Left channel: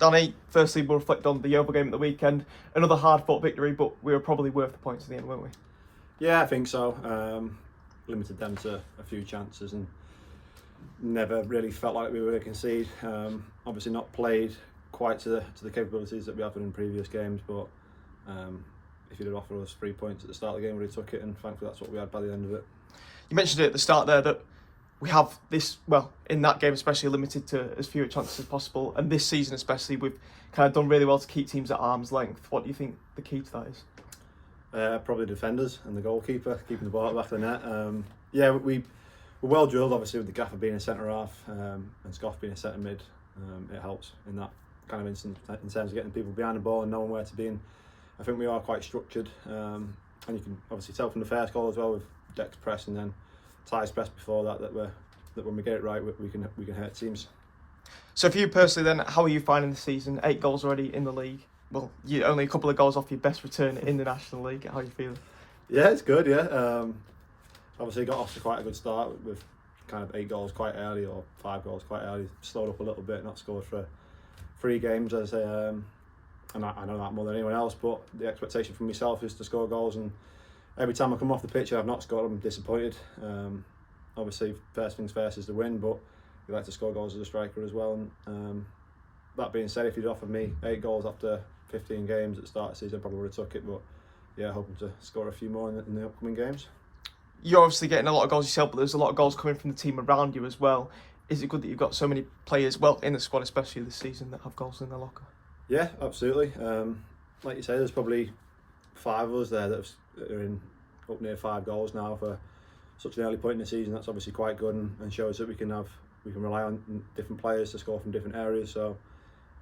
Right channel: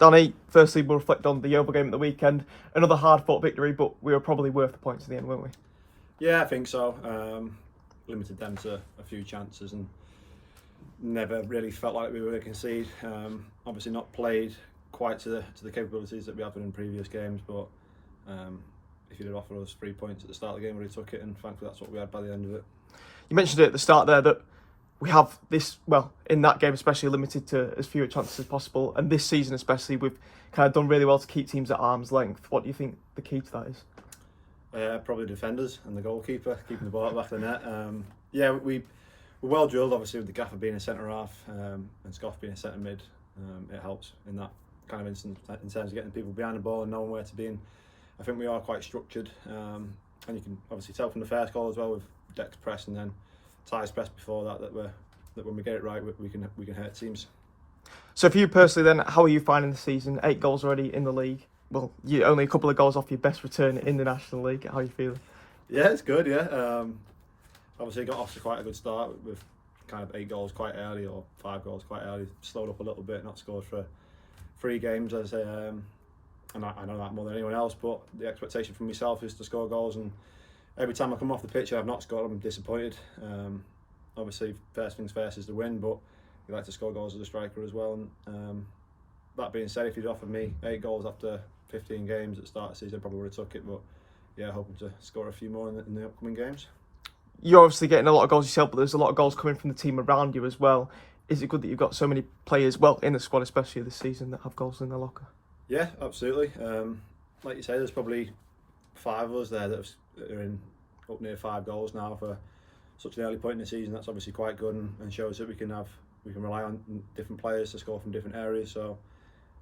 Danny, firstly we'll reflect on the Yeovil game at the weekend. Another hard-fought victory, but we were probably worth the points in the end, weren't we? Yeah, I think so. Limited them to a few chances and never really felt like we were going to concede. Obviously not played quite to the capabilities that we have in previous games, but if you'd have offered us 3 points at the start of the game, we would have took it, and thankfully that's what we had by the end of it. You mentioned it at the start there that we have this, well, in that game especially, limited to as few chances as possible, and this season especially we've kind of done really well to keep teams at arm's length. What do you think the key to that is? Probably defenders and the goalkeeper, keeping the ball at the back of the net. Yeah, we're well drilled, obviously, with the gaffer being a centre half and Scoff being a centre mid. It helps in that kind of instance in terms of getting people behind the ball and knowing where to be. And I think we are quite structured, and you can obviously tell from the first goal as well, with Dex press and then Ty's press before that when we get it right, we can hurt teams. So for you personally then, how are you finding the season? 8 goals already in the league. Well, you're only a couple of goals off your best return in the National League. How are you feeling? Yeah, it's good, yeah. Obviously got off to quite a good start with kind of 8 goals quite early, or 5 goals quite early. Slowed up a little bit, not scored for 3 games, as I say. And I know that more than anyone else, but the expectation from myself is to score goals, and every time I come off the pitch I've not scored, I'm disappointed. Obviously first things first is the win, but you like to score goals as a striker as well. And that being said, if you'd offered me 8 goals after 15 games at the start of the season, I probably would have took it, but yeah, hoping to score a few more in the upcoming games. You're obviously getting a lot of goals yourself, but there's a lot of goals coming from the team around you as well. Is it good that you've got so many players, well, in the squad especially this season, that have goals in their locker? Yeah, absolutely. Like you say, there's probably 5 of us there that are in up near 5 goals now for such an early point in the season. That's obviously quite good, and shows that we can rely on different players to score from different areas. So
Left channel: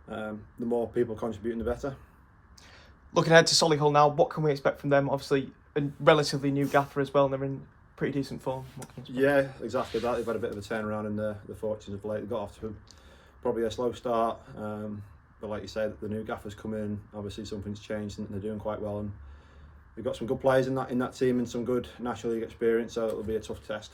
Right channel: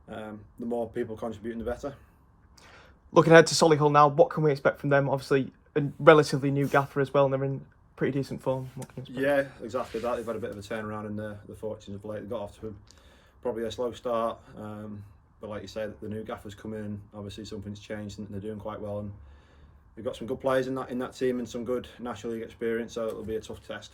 the more people contributing, the better. Looking ahead to Solihull now, what can we expect from them? Obviously a relatively new gaffer as well, and they're in pretty decent form. Yeah, exactly that. They've had a bit of a turnaround in the fortunes of late. They got off to probably a slow start, but like you say, the new gaffer's come in. Obviously something's changed and they're doing quite well, and they've got some good players in that team and some good National League experience, so it'll be a tough test.